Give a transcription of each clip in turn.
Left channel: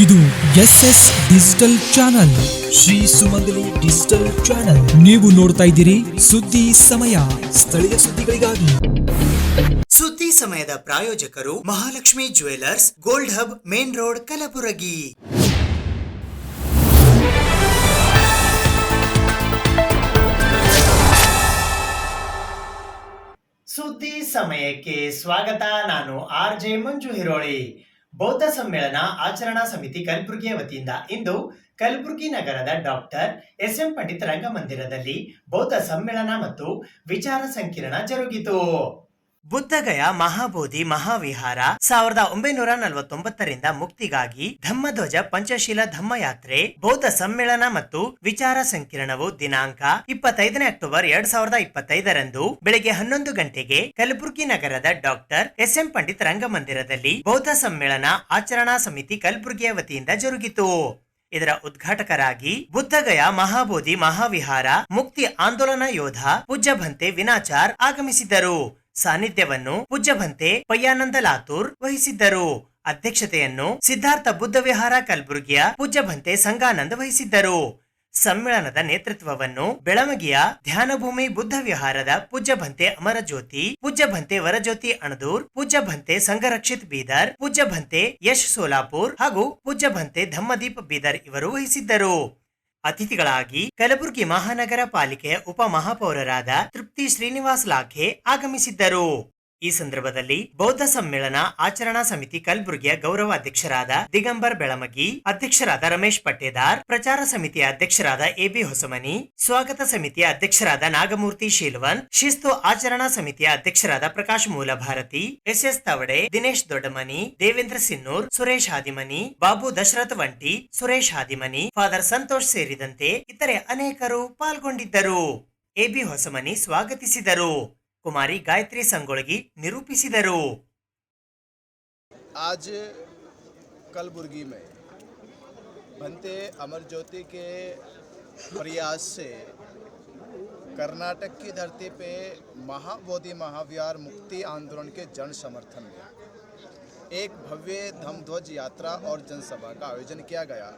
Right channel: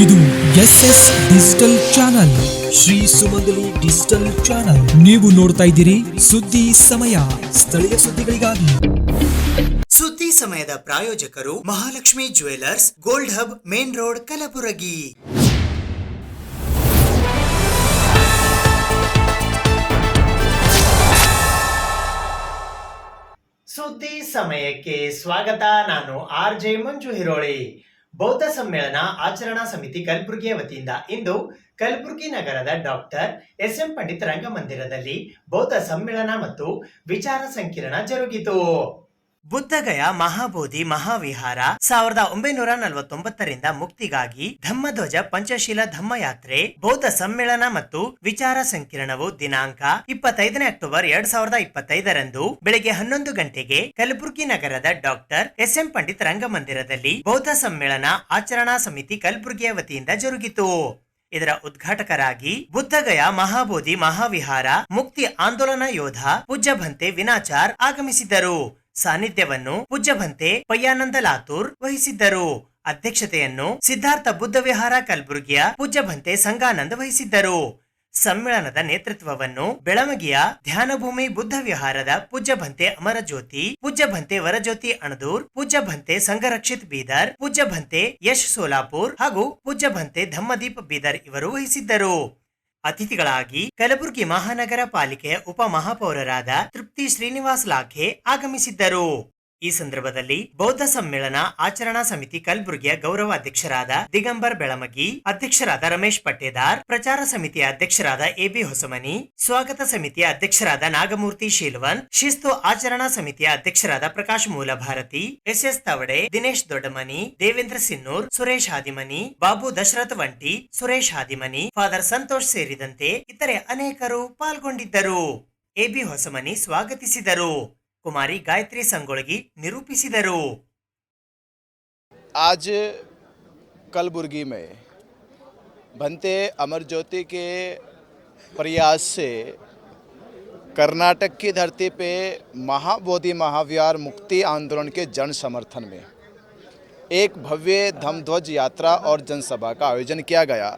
ಇದು SS digital channel, Shri ಸುಮಂಗಲಿ digital channel. ನೀವು ನೋಡ್ತಾ ಇದ್ದೀರಿ ಸುದ್ದಿ ಸಮಯ, ಸ್ಥಳೀಯ ಸುದ್ದಿಗಳಿಗಾಗಿ. ಸುದ್ದಿ ಸಮಯದ ಪ್ರಾಯೋಜಕರು Mahalakshmi jewellers, gold hub, main road, Kalaburagi. ಸುದ್ದಿ ಸಮಯಕ್ಕೆ ಸ್ವಾಗತ. ನಾನು RJ ಮಂಜು ಹಿರೋಳಿ. ಬೌದ್ಧ ಸಮ್ಮೇಳನ ಆಚರಣಾ ಸಮಿತಿ ಕಲಬುರಗಿಯ ವತಿಯಿಂದ ಇಂದು ಕಲಬುರಗಿ ನಗರದ ಡಾಕ್ಟರ್ SM ಪಂಡಿತ್ ರಂಗಮಂದಿರದಲ್ಲಿ ಬೌದ್ಧ ಸಮ್ಮೇಳನ ಮತ್ತು ವಿಚಾರ ಸಂಕಿರಣ ಜರುಗಿತು. ಬುದ್ಧಗಯಾ ಮಹಾಬೋಧಿ ಮಹಾವಿಹಾರ 1949ರಿಂದ ಮುಕ್ತಿಗಾಗಿ ಧಮ್ಮಧ್ವಜ ಪಂಚಶೀಲ ಧಮ್ಮಯಾತ್ರೆ ಬೌದ್ಧ ಸಮ್ಮೇಳನ ಮತ್ತು ವಿಚಾರ ಸಂಕಿರಣವು ದಿನಾಂಕ 25 ಅಕ್ಟೋಬರ್ 2025ರಂದು ಬೆಳಗ್ಗೆ 11 ಗಂಟೆಗೆ ಕಲಬುರಗಿ ನಗರದ ಡಾಕ್ಟರ್ SM ಪಂಡಿತ್ ರಂಗಮಂದಿರದಲ್ಲಿ ಬೌದ್ಧ ಸಮ್ಮೇಳನ ಆಚರಣಾ ಸಮಿತಿ ಕಲಬುರಗಿಯ ವತಿಯಿಂದ ಜರುಗಿತು. ಇದರ ಉದ್ಘಾಟಕರಾಗಿ ಬುದ್ಧಗಯಾ ಮಹಾಬೋಧಿ ಮಹಾವಿಹಾರ ಮುಕ್ತಿ ಆಂದೋಲನ ಯೋಧ ಪೂಜ್ಯ ಭಂತೆ ವಿನಾಚಾರ್ ಆಗಮಿಸಿದ್ದರು. ಸಾನ್ನಿಧ್ಯವನ್ನು ಪೂಜ್ಯ ಭಂತೆ ಪಯ್ಯಾನಂದ ಲಾತೂರ್ ವಹಿಸಿದ್ದರು. ಅಧ್ಯಕ್ಷತೆಯನ್ನು ಸಿದ್ಧಾರ್ಥ ಬುದ್ಧ ವಿಹಾರ ಕಲಬುರಗಿಯ ಪೂಜ್ಯ ಭಂತೆ ಸಂಗಾನಂದ್ ವಹಿಸಿದ್ದರು. ಸಮ್ಮೇಳನದ ನೇತೃತ್ವವನ್ನು ಬೆಳಮಗಿಯ ಧ್ಯಾನಭೂಮಿ ಬುದ್ಧ ವಿಹಾರದ ಪೂಜ್ಯ ಭಂತೆ ಅಮರಜ್ಯೋತಿ, ಪೂಜ್ಯ ಭಂತೆ ವರಜ್ಯೋತಿ ಅಣದೂರ್, ಪೂಜ್ಯ ಭಂತೆ ಸಂಘರಕ್ಷಿತ್ ಬೀದರ್, ಪೂಜ್ಯ ಭಂತೆ ಯಶ್ ಸೋಲಾಪುರ್ ಹಾಗೂ ಪೂಜ್ಯ ಭಂತೆ ಧಮ್ಮದೀಪ್ ಬೀದರ್ ಇವರು ವಹಿಸಿದ್ದರು. ಅತಿಥಿಗಳಾಗಿ ಕಲಬುರಗಿ ಮಹಾನಗರ ಪಾಲಿಕೆಯ ಉಪ ಮಹಾಪೌರರಾದ ತೃಪ್ತಿ ಶ್ರೀನಿವಾಸ್ ಲಾಖೆ ಆಗಮಿಸಿದ್ದರು. ಈ ಸಂದರ್ಭದಲ್ಲಿ ಬೌದ್ಧ ಸಮ್ಮೇಳನ ಆಚರಣಾ ಸಮಿತಿ ಕಲಬುರಗಿಯ ಗೌರವ ಅಧ್ಯಕ್ಷರಾದ ದಿಗಂಬರ್ ಬೆಳಮಗಿ, ಅಧ್ಯಕ್ಷರಾದ ರಮೇಶ್ ಪಟ್ಟೇದಾರ್, ಪ್ರಚಾರ ಸಮಿತಿಯ ಅಧ್ಯಕ್ಷರಾದ AB ಹೊಸಮನಿ, ಸ್ವಾಗತ ಸಮಿತಿಯ ಅಧ್ಯಕ್ಷರಾದ ನಾಗಮೂರ್ತಿ ಶೀಲ್ವನ್, ಶಿಸ್ತು ಆಚರಣಾ ಸಮಿತಿಯ ಅಧ್ಯಕ್ಷರಾದ ಪ್ರಕಾಶ್ ಮೂಲಭಾರತಿ, SS ತವಡೆ, ದಿನೇಶ್ ದೊಡ್ಡಮನಿ, ದೇವೇಂದ್ರ ಸಿನ್ನೂರ್, ಸುರೇಶ್ ಹಾದಿಮನಿ, ಬಾಬು ದಶರಥ್ ವಂಟಿ, ಸುರೇಶ್ ಹಾದಿಮನಿ, ಫಾದರ್ ಸಂತೋಷ್ ಸೇರಿದಂತೆ ಇತರೆ ಅನೇಕರು ಪಾಲ್ಗೊಂಡಿದ್ದರು. AB ಹೊಸಮನಿ ಸ್ವಾಗತಿಸಿದರು. कुमारी गायत्री संगोळगी निरूपिसिदरू. आज कलबुर्गी में भंते अमरज्योति के प्रयास से कर्नाटक की धरती पे महाबोधि महाविहार मुक्ति आंदोलन के जन समर्थन में एक भव्य धम्मध्वज यात्रा और जनसभा का आयोजन किया गया.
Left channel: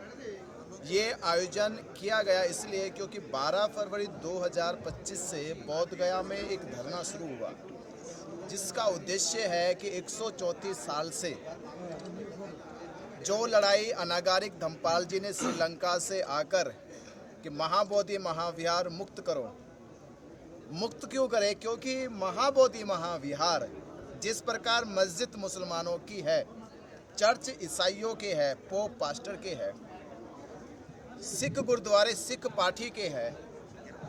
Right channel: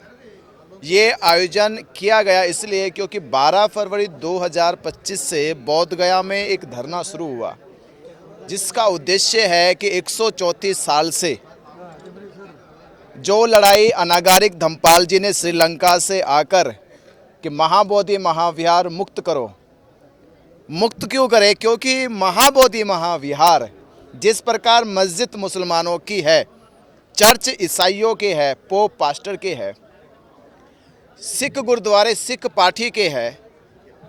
ये आयोजन किया गया इसलिए क्योंकि 12 फरवरी 2025 से बोध गया में एक धरना शुरू हुआ, जिसका उद्देश्य है कि 134 साल से जो लड़ाई अनागारिक धम्मपाल जी ने श्रीलंका से आकर कि महाबोधि महाविहार मुक्त करो, मुक्त क्यों करे? क्योंकि महाबोधि महाविहार जिस प्रकार मस्जिद मुसलमानों की है, चर्च ईसाइयों के है, पोप पास्टर के है, सिख गुरुद्वारे सिख पाठी के है,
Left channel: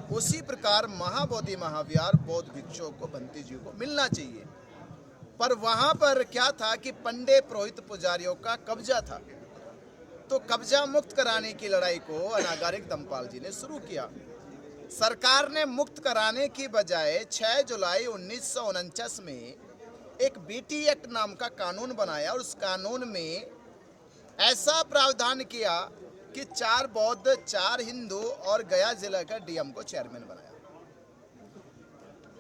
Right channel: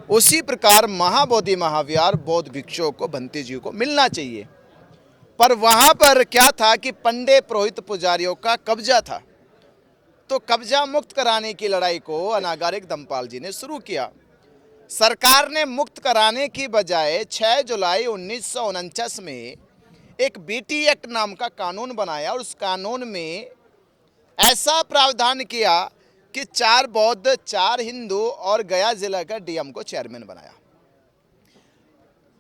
उसी प्रकार महाबोधि महाविहार बौद्ध भिक्षुओं को भंते जी को मिलना चाहिए. पर वहाँ पर क्या था कि पंडे पुरोहित पुजारियों का कब्जा था, तो कब्जा मुक्त कराने की लड़ाई को अनागारिक धम्मपाल जी ने शुरू किया. सरकार ने मुक्त कराने की बजाय 6 जुलाई 1949 में एक BT एक्ट नाम का कानून बनाया और उस कानून में ऐसा प्रावधान किया कि 4 बौद्ध 4 हिंदू और गया जिला का DM को चेयरमैन बनाया.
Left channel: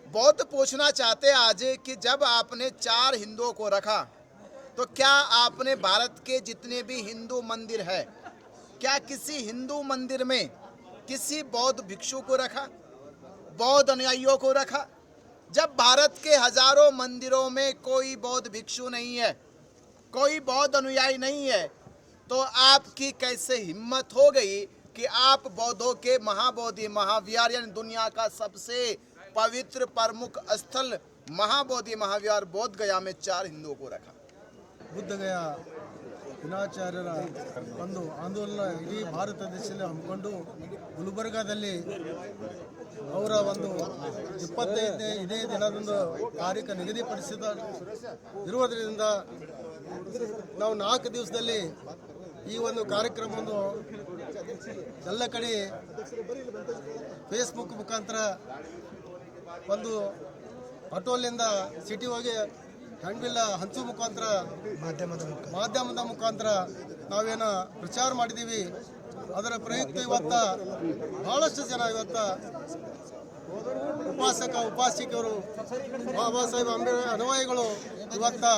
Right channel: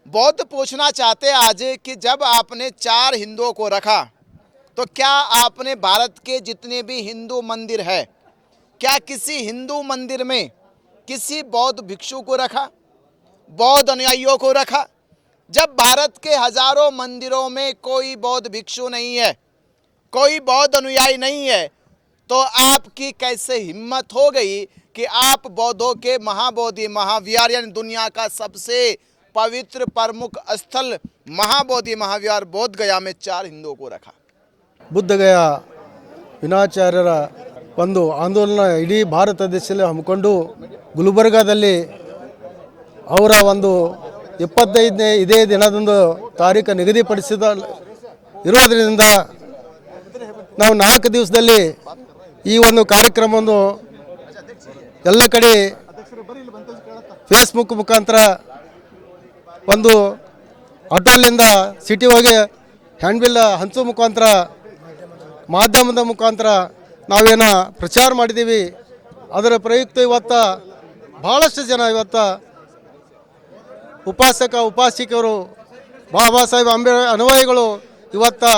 बौद्ध पूछना चाहते आज कि जब आपने 4 हिंदुओं को रखा तो क्या आपने भारत के जितने भी हिंदू मंदिर है, क्या किसी हिंदू मंदिर में किसी बौद्ध भिक्षु को रखा, बौद्ध अनुयायियों को रखा? जब भारत के हजारों मंदिरों में कोई बौद्ध भिक्षु नहीं है, कोई बौद्ध अनुयायी नहीं है, तो आपकी कैसे हिम्मत हो गई कि आप बौद्धों के महाबोधि महाविहार यानी दुनिया का सबसे पवित्र प्रमुख स्थल महाबोधि महाविहार बोध गया में 4 हिंदुओं को रखा? ಬುದ್ಧಗಯಾ ವಿನಾಚಾರ್ಯರ ಒಂದು ಆಂದೋಲನ ಇಡೀ ಭಾರತ ದೇಶದಲ್ಲಿ ಹಮ್ಮಿಕೊಂಡು ಗುಲ್ಬರ್ಗಾದಲ್ಲಿ ಅವರ ಒಂದು 25ನೇ ಇದೇ ದಿನದಂದು ತಾರೀಕು ನಿಗದಿಪಡಿಸಿದ ಇರೋದರಿಂದ ನಾವು 4 ದಿವಸದಲ್ಲಿ ಈ ಒಂದು ಕಾರ್ಯಕ್ರಮವನ್ನು ಎಲ್ಲ ಕಡೆ ಫೇಸ್ಬುಕ್ ಮುಖಾಂತರ ಒಂದು ಆಟೋಲಿಂದ ಸಿಟಿ ಹೋಗಿ ಹ್ಯಾಂಡ್ಬಿಲ್ ಹಂಚೋ ಮುಖಾಂತರ ಮಾಧ್ಯಮದ ಮುಖಾಂತರ ನಾವೇನು ಪ್ರಚಾರ ಮಾಡಿದ್ದೀವಿ. ಅದರ ಪ್ರಯುಕ್ತ ಇವತ್ತು ಭಾಳಷ್ಟು ಜನ ಇವತ್ತು ಉಪಾಸಕರು ಬಾಬಾ ಸಾಹೇಬ್ ಅಂಬೇಡ್ಕರ್ ಅನುಯಾಯಿಗಳು ಇವತ್ತು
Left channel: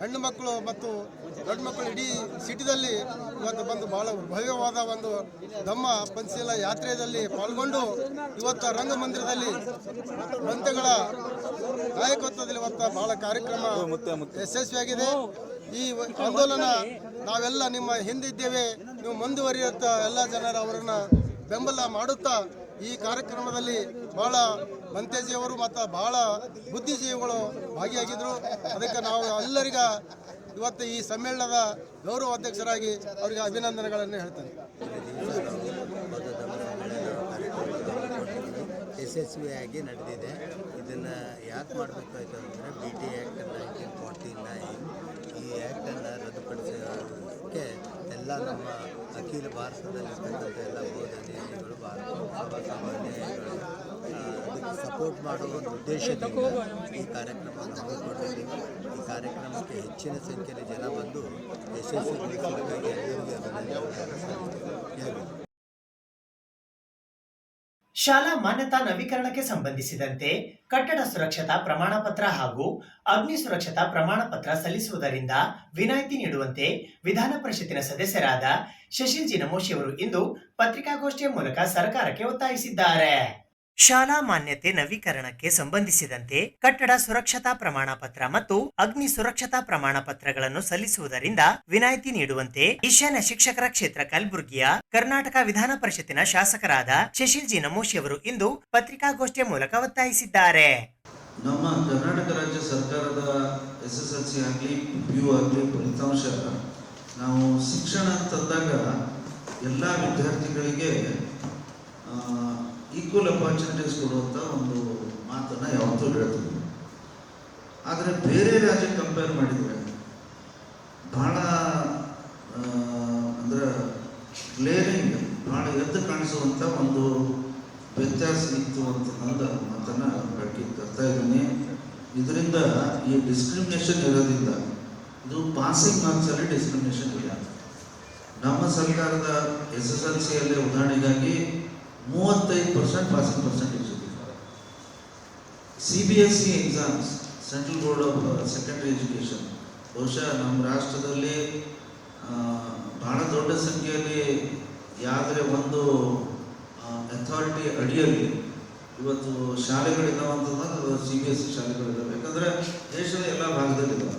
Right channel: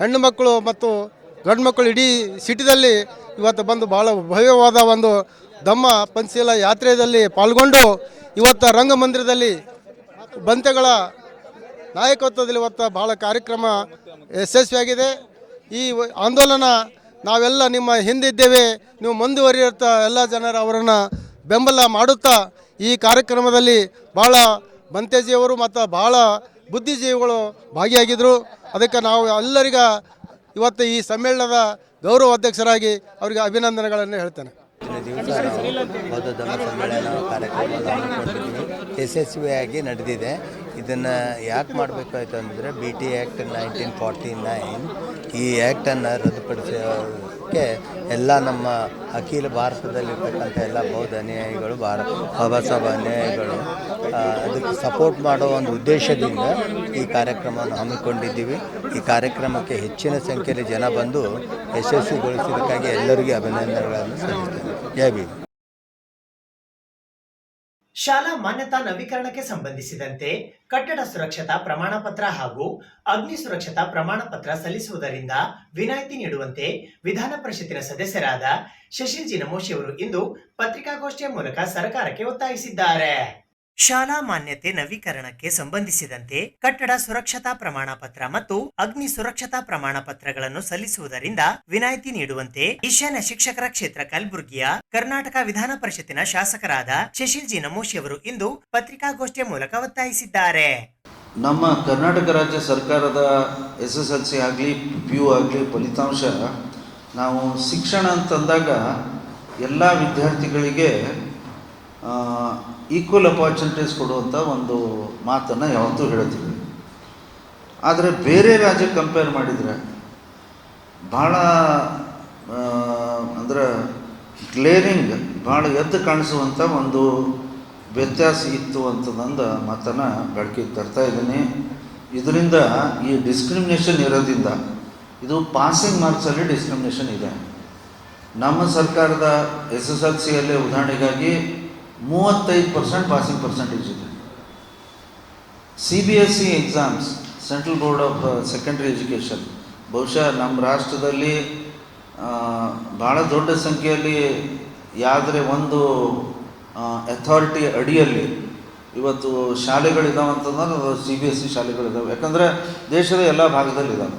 ಹೆಣ್ಣು ಮಕ್ಕಳು ಮತ್ತು ಗಂಡು ಮಕ್ಕಳು ಇಡೀ ಸಿಟಿದಲ್ಲಿ ಇವತ್ತು ಬಂದು ಭಾಳ ಭವ್ಯವಾದ ಒಂದು ಧಮ್ಮ ಪಂಚಶೀಲ ಯಾತ್ರೆಯಲ್ಲಿ ಪಾಲ್ಗೊಂಡು ಇವತ್ತು ರಂಗಮಂದಿರದಲ್ಲಿ ಬಂತೆಗಳ ನಾಯಕತ್ವದಲ್ಲಿ ಇವತ್ತು ಭಾಳ ಕಾರ್ಯಕ್ರಮ ಯಶಸ್ವಿಯಾಗಿದೆ. ಈ ಆಂದೋಲನ ನಾವೆಲ್ಲ ನಿಮ್ಮ ಹಿಂದಿದ್ದೇವೆ, ನೀವು ಮುಂದುವರಿಯುತ್ತಾ ಎಲ್ಲ ಜನರು ಅವರನ್ನು ಬೆಂಬಲ ಮಾಡುತ್ತಾ ಈ ಕಾರ್ಯಕ್ರಮದಲ್ಲಿ ಭಾಳ ಬಂತೇಜಿಯವರು ಮತ್ತು ಭಾಳ ಬುದ್ಧಿಜೀವಿಗಳು ಭಾಗಿಯಾಗಿದ್ದರು. ಅದಕ್ಕೆ ನಾವು ಎಲ್ಲರಿಗ ಇವತ್ತು ಈ ಸಮ್ಮೇಳನದ ಗೌರವ ಅಧ್ಯಕ್ಷರಾಗಿ ಅವರಿಗೆ ಅಭಿನಂದನೆಗಳನ್ನು ಹೇಳ್ತೇನೆ. ದಿವಸ ನಾವು ಬೌದ್ಧ ಧರ್ಮ ಸಮ್ಮೇಳನ ಕಾರ್ಯಕ್ರಮವನ್ನು ಹಮ್ಮಿಕೊಂಡಿದ್ದೀವಿ. ಯಶಸ್ವಿಯಾಗಿ ನಡೆದಿದೆ. ಇದನ್ನು ಯಾಕೆ ಮಾಡಬೇಕಾಯ್ತು ಅಂದರೆ BT ಆ್ಯಕ್ಟ್ 1949 ಈ ಆ್ಯಕ್ಟನ್ನು ರದ್ದುಪಡಿಸೋಕ್ಕೆ ಎಲ್ಲ ನಮ್ಮ ಅಖಿಲ ಭಾರತದಲ್ಲಿರ್ತಕ್ಕಂಥ ಎಲ್ಲ ಬೌದ್ಧ ಅನುಯಾಯಿಗಳು ಬಾಬಾ ಸಾಹೇಬ್ ಅನುಯಾಯಿಗಳು ಅದಕ್ಕೆ ಸಪೋರ್ಟ್ ಮಾಡೋ ಒಂದು ಉದ್ದೇಶದಿಂದ ಈ ಕಾರ್ಯಕ್ರಮವನ್ನು ಹಮ್ಮಿಕೊಂಡಿದ್ದೀವಿ. ಈ ಕಾರ್ಯಕ್ರಮಕ್ಕೆ ಹೆಚ್ಚಿನ ಸಂಖ್ಯೆಯಲ್ಲಿ ಜನ ಬಂದು ಯಶಸ್ವಿಗೊಳಿಸಿದ್ದಕ್ಕಾಗಿ ಎಲ್ಲರಿಗೂ ಅಭಿನಂದನೆಗಳನ್ನು ಸಲ್ಲಿಸ್ತೇನೆ. ಜೈ ಭೀಮ್. ಶಾಲಾ ಮಾನ್ಯತಾ ನವೀಕರಣಕ್ಕೆ ಸಂಬಂಧಿಸಿದಂತೆ ಕಟ್ಟಡ ಸುರಕ್ಷತಾ ಪ್ರಮಾಣ ಪತ್ರ ಹಾಗೂ ಅಗ್ನಿ ಸುರಕ್ಷತಾ ಪ್ರಮಾಣ ಪತ್ರ ಸಲ್ಲಿಸುವುದರಿಂದ ವಿನಾಯಿತಿ ನೀಡುವಂತೆ ವಿಧಾನ ಪರಿಷತ್ತಿನ ಸದಸ್ಯರಾದ ಶಶಿಲ್ ಜಿ ನಮೋಶಿ ಅವರು ಇಂದು ಪತ್ರಿಕಾಗೋಷ್ಠಿಯ ಮೂಲಕ ಸರ್ಕಾರಕ್ಕೆ ಒತ್ತಾಯಿಸಿದ್ದಾರೆ. ಶಾಲಾ ಮಾನ್ಯತೆ ನವೀಕರಣಕ್ಕೆ ಸಂಬಂಧಿಸಿದಂತೆ ಕಟ್ಟಡ ಸುರಕ್ಷತಾ ಪ್ರಮಾಣ ಪತ್ರ ಮತ್ತು ಅಗ್ನಿ ಸುರಕ್ಷತಾ ಪ್ರಮಾಣ ಪತ್ರಗಳನ್ನು ಸಲ್ಲಿಸುವುದರಿಂದ ವಿನಾಯಿತಿ ನೀಡುವಂತೆ ಈಶಾನ್ಯ ಶಿಕ್ಷಕರ ಕ್ಷೇತ್ರ ಕಲಬುರಗಿಯ ಕರ್ನಾಟಕ ವಿಧಾನ ಪರಿಷತ್ತಿನ ಶಾಸಕರಾದ ಶಶಿಲ್ ಜಿ ನಮೋಶಿ ಅವರು ಇಂದು ಪತ್ರಿಕಾಗೋಷ್ಠಿಯ ಮೂಲಕ ಒತ್ತಾಯಿಸಿದ್ದಾರೆ. ನಮ್ಮ ಕರ್ನಾಟಕ ರಾಜ್ಯ ಸರ್ಕಾರದ SSLC ಆಗಲಿ PU ಆಗಲಿ ಫಲಿತಾಂಶ ನಾವು ಶಿಕ್ಷಣ ಅಂತಂದಾಗ ಎಲ್ಲ ವಿದ್ಯಾರ್ಥಿಗಳಿಗೆ ಈಕ್ವಲ್ ಅಪಾರ್ಚುನಿಟೀಸ್ ಕೊಡುವಂಥ ಒಂದು ಮಾತನ್ನು ಯಾವತ್ತೂ ಹೇಳ್ತೀವಿ. ಆದರೆ ಬೇರೆ ರಾಜ್ಯಕ್ಕೆ ಕಂಪೇರ್ ಮಾಡಿದರೆ ಭಾಳ ಅಂದರೆ ಗ್ಲೇರಿಂಗ್ ಭಾಳ ಎದ್ದು ಕಾಣಿಸುವಂಥ ಒಂದು ವ್ಯತ್ಯಾಸ ಇತ್ತು ಅಂತ ನಂದು ಮಾತನ್ನು ಬೆಳಕಿಗೆ ತರ್ತಾ ಇದ್ದೀನಿ. ಇದರಿಂದ ಈ ಡಿಸ್ಕ್ರಿಮಿನೇಷನ್ ಇರೋದ್ರಿಂದ ಇದು ಪಾಸಿಂಗ್ ಮಾರ್ಕ್ಸಲ್ಲಿ ಡಿಸ್ಕ್ರಿಮಿನೇಷನ್ ಇದೆ. ನಮ್ಮ ಸರ್ಕಾರದ SSLCಯಲ್ಲಿ ಉದಾಹರಣೆಗಾಗಿ 35% ಪಾಸಿಂಗ್ ಪರ್ಸೆಂಟೇಜ್ ಇದೆ. CBSE exams, central board of secondary education, ಬಹುಶಃ ನಮ್ಮ ರಾಷ್ಟ್ರದಲ್ಲಿ ಭಾಳ ದೊಡ್ಡ ಸಂಖ್ಯೆಯಲ್ಲಿ ಯಾವುದೇ ಒಂದು ಅಥಾರಿಟಿ ಅಡಿಯಲ್ಲಿ ಇವತ್ತು ಶಾಲೆಗಳಿದ್ದಾವಂತಂದ್ರೆ CBSE ಶಾಲೆಗಳಿದ್ದಾವೆ. ಯಾಕಂದರೆ ದೇಶದ ಎಲ್ಲ ಭಾಗದಲ್ಲಿದ್ದಾವೆ.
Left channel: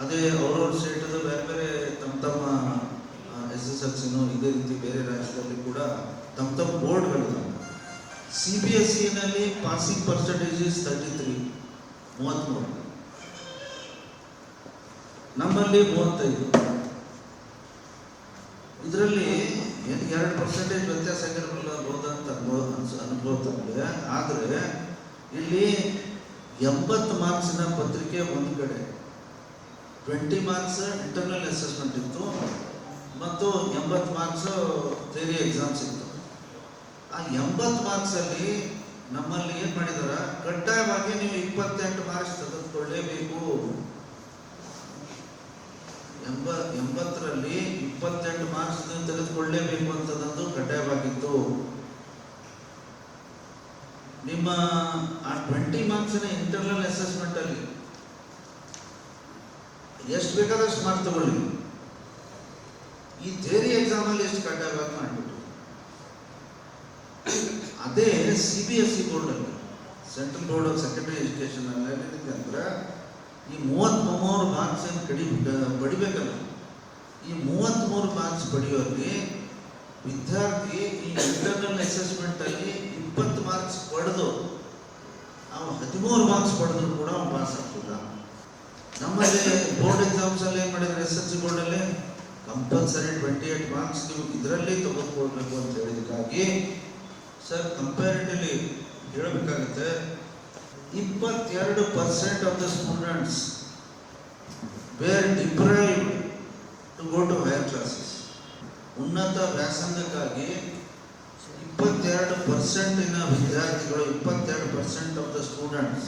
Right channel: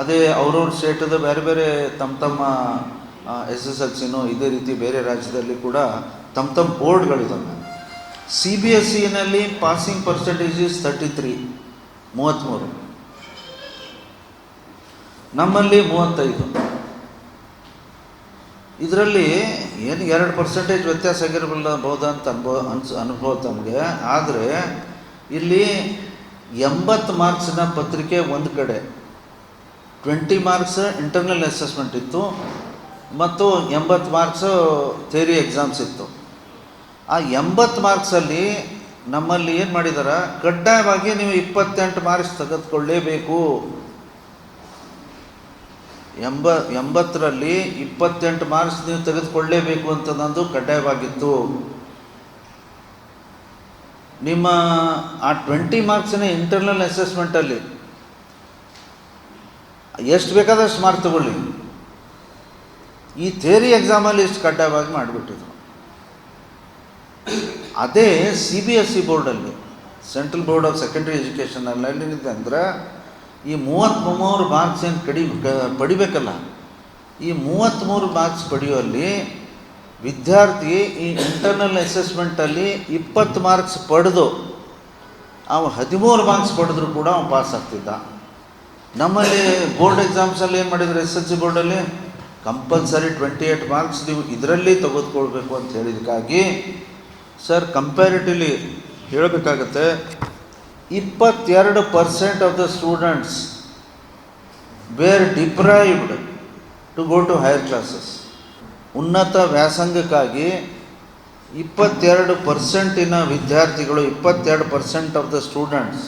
ಅದೇ ಅವ್ರವ್ರ ಸ್ಟೇಟದ ಬೇರೆ ಬೇರೆ ತಮ್ಮ SSLCನೂ ಇದೇ ರೀತಿ ಬೇರೆ ರಾಜ್ಯದಲ್ಲಿ ಕೂಡ ತಮ್ಮ ಬೋರ್ಡ್ಗಳಿದ್ದಾವೆ. CBSEನಲ್ಲಿ ಪಾಸಿಂಗ್ ಪರ್ಸೆಂಟೇಜ್ 33. ನಮ್ಮಲ್ಲಿ 35. ಇದರಲ್ಲಿ ಏನು 2% ವ್ಯತ್ಯಾಸ ಆಗಿರಬಹುದಾ ಅಂತ ಅನುಭವ ತಮಗೆ. ಆದರೆ ಇಲ್ಲಿ 80 ಮಾರ್ಕ್ಸಿನ ಪತ್ರಿಕೆ ಒಂದು ಕಡೆ, 20 ಮಾರ್ಕ್ಸ್ ಇಂಟರ್ನಲ್ ಅಸೆಸ್ಮೆಂಟ್ ಇತ್ತು ಮತ್ತು 80 ಮಾರ್ಕ್ಸು ಥಿಯರಿ ಎಕ್ಸಾಮ್ಸ್ ಇತ್ತು. ಆ 80 ಮಾರ್ಕ್ಸಲ್ಲಿ ನಮ್ಮಲ್ಲಿ ಏನು ಮಾಡಿದಾರೆ, ಕಡ್ಡಾಯವಾಗಿ ನೀವು 28 ಮಾರ್ಕ್ಸ್ ತೆಗೆದುಕೊಳ್ಳೇಬೇಕು. 80ರಲ್ಲಿ 28 ಮಾರ್ಕ್ಸ್ ನೀವು ತೆಗೆದುಕೊಳ್ಳೇಬೇಕು ಅಂತ ನಂದು ಕಡ್ಡಾಯವಾಗಿತ್ತು. ನಿಮ್ಮ ಆ 20 ಮಾರ್ಕ್ಸಿನ ಇಂಟರ್ನಲ್ ಅಸೆಸ್ಮೆಂಟಲ್ಲಿ ಎಷ್ಟು ಬೇಕಾದಷ್ಟು ಮಾರ್ಕ್ ತಗೊಳ್ಳಿ. ಈ ಥಿಯರಿ ಎಕ್ಸಾಮಲ್ಲಿ ಇಷ್ಟು ಕಡ್ಡಾಯವಾಗಿ ಮಾಡಿಬಿಟ್ಟಿದ್ರು. ಅದೇ CBSE ಬೋರ್ಡಲ್ಲಿ, ಸೆಂಟ್ರಲ್ ಬೋರ್ಡ್ ಆಫ್ ಸೆಕೆಂಡ್ರಿ ಎಜುಕೇಷನಲ್ಲಿ ಏನಿದೆ ಅಂದರೆ ಈ 33 ಮಾರ್ಕ್ಸ್ ಏನು ಪಡಿಬೇಕಲ್ಲ, ಈ 33 ಮಾರ್ಕ್ಸ್ ಪಡೆಯುವಲ್ಲಿ ವಿದ್ಯಾರ್ಥಿ ಈ ಇಂಟರ್ನಲ್ ಅಸೆಸ್ಮೆಂಟಲ್ಲಿ 20 ಮಾರ್ಕ್ಸ್ ಪಡೆದು ಅವನು 13 ಮಾರ್ಕ್ಸ್ ಪಡೆದ್ರು ಕೂಡ ಅವನು ಪಾಸ್ ಆಗ್ತಿದ್ದ. ನಮ್ಮಲ್ಲಿ ಬೋರ್ಡ್ ಎಕ್ಸಾಮ್ಸಲ್ಲಿ ಏನು ಮಾಡಿದ್ರು, SSLC ಬೋರ್ಡಲ್ಲಿ ಕಂಪಲ್ಸರಿ 28 ಮಾರ್ಕ್ಸ್ ನೀವು ಇದರಲ್ಲಿ ತೆಗೆದುಕೊಳ್ಬೇಕು ಅಂತ ಹೇಳಿದಕ್ಕಾಗಿ ಸರ್ ಕಂಪ್ಯಾರಿಟಿವ್ಲಿ ಹೇಳಬೇಕಾಗತ್ತೆ, 22% of the students were deprived to go to higher classes. ಉನ್ನತ ವ್ಯಾಸಂಗಕ್ಕಾಗಿ 22% ವಿದ್ಯಾರ್ಥಿಗಳು, 22% ಆಫ್ ದ ಸ್ಟೂಡೆಂಟ್ಸ್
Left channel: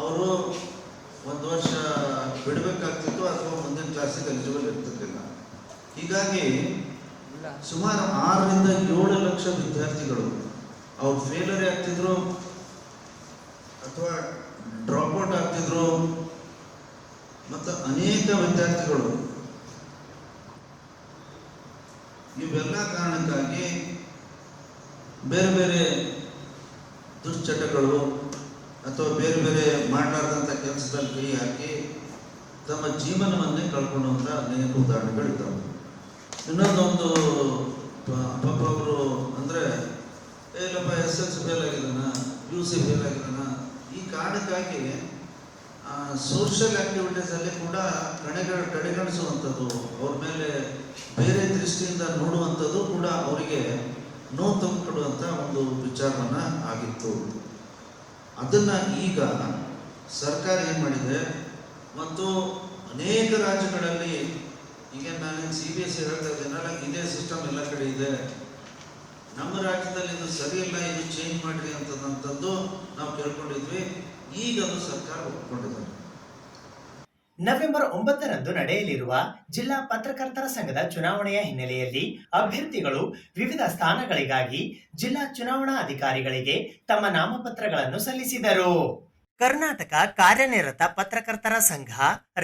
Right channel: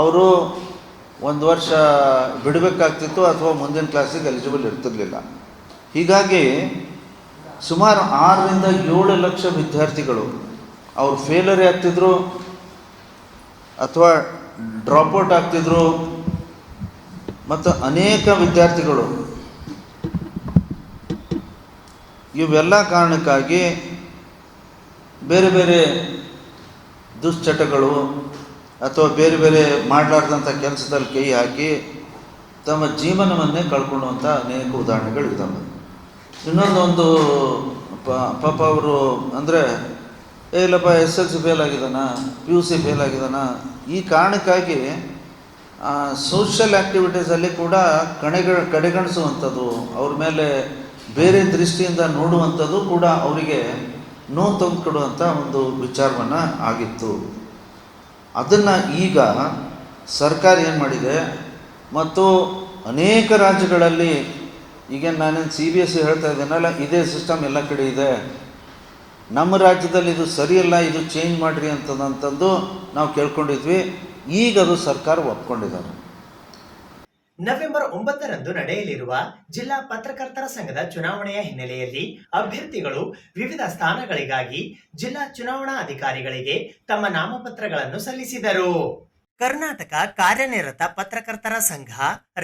ಅವರು ಒಂದು ವರ್ಷ ಬಿಡಬೇಕಾಗ್ತಿತ್ತು ಅಥವಾ ಮುಂದಿನ ಕ್ಲಾಸಿಗೆ ಎಲಿಜಿಬಲ್ ಇರ್ತಿರ್ಲಿಲ್ಲ. ಹೀಗಾಗಿ ಸುಮಾರು 6ರಿಂದ 7 ಲಕ್ಷ ವಿದ್ಯಾರ್ಥಿಗಳು ಅವ್ರು ಫೇಲರೇ ಆಗ್ತಿದ್ರು ಅಥವಾ ಡ್ರಾಪ್ಔಟ್ ಆಗ್ತಿದ್ರು. ಮತ್ತು ಅನೇಕ ವಿದ್ಯಾರ್ಥಿಗಳು ಇವೆಲ್ಲ ಕಾರಣಕ್ಕಾಗಿ ಬೇರೆ ಬೇರೆ ದುಶ್ಚಟಗಳು ಅಥವಾ ಬೇರೆ ಬೇರೆ ಮಾಡಲಾರ್ದಂಥ ಕೆಲಸದಲ್ಲಿ ಕೈ ಹಾಕಿ ತಮ್ಮ ಜೀವನವನ್ನೇ ಕಳ್ಕೊಳ್ಳುವಂಥ ಅನೇಕ ಉದಾಹರಣೆಗಳಿದ್ದಾವೆ. ಇನ್ನೊಂದೊಂದು ಪಾಪ ಅವರು ಅಂದರೆ ಇಲ್ಲಪ್ಪ SSLC ಫೇಲ್ ಆಗಿದ್ದಾನ, PUC ಫೇಲ್ ಆಗಿದ್ದಾನ, ಈ ಕಾರಣಕ್ಕಾಗಿ ಸೋಷಿಯಲ್ ಆ್ಯಕ್ಟಿವಿಟೀಸಲ್ಲಿ ಕೂಡ ಕಡೆಗಣಿಸುವಂಥದ್ದು, ಅವ್ರ ಮೇಲೆ ಬೇರೆ ದೃಷ್ಟಿಯಿಂದ ನೋಡುವಂಥದ್ದು ಕೂಡ ಅವರಿಗೆ ನೋವು ತಂದುಕೊಡುವಂಥ ಒಂದು ವಿಚಾರವನ್ನು ಆಗಿತ್ತು. ಅದನ್ನು ಈಗ ಸರ್ಕಾರ ಏನು ಮಾಡಿದೆ ಮತ್ತು ಅನೇಕ ರಾಜ್ಯಗಳಲ್ಲಿ ಈಗ ನಾನೇನು CBSE ಹೇಳ್ತಾ ಇದ್ದೇನಲ್ಲ, ಇದೇ ಸಿಸ್ಟಮ್ ಎಲ್ಲ ಕಡೆ ಇದೆ. ನಮ್ಮ ರಾಜ್ಯದಲ್ಲಿ ಇದು ಸರಿಯಲ್ಲ, ಇದು ಚೇಂಜ್ ಮಾಡಿರಿ ಅಂತಂದು ನಾವು ಕೇಳ್ಕೊಂಡಿದ್ವಿ. ಈಗ ಅದು ಸರ್ಕಾರ ಒಪ್ಕೊಂಡಿದ್ದಾರೆ. ನವೆಂಬರ್ 9ರಂದು ನಡೆಯಲಿರುವ ಜಿಲ್ಲಾ ಪತ್ರಕರ್ತರ ಸಂಘದ ಚುನಾವಣೆಯ ಹಿನ್ನೆಲೆಯಲ್ಲಿ ಅಭ್ಯರ್ಥಿಗಳು ವಿವಿಧ ಸ್ಥಾನಗಳಿಗಾಗಿ ಜಿಲ್ಲಾ ಚುನಾವಣಾ ಅಧಿಕಾರಿಗಳಿಗೆ ತಮ್ಮ ನಾಮಪತ್ರಗಳನ್ನು ಸಲ್ಲಿಸಿದರು. ಕರ್ನಾಟಕ ಕಾರ್ಯನಿರತ ಪತ್ರಕರ್ತರ ಸಂಘ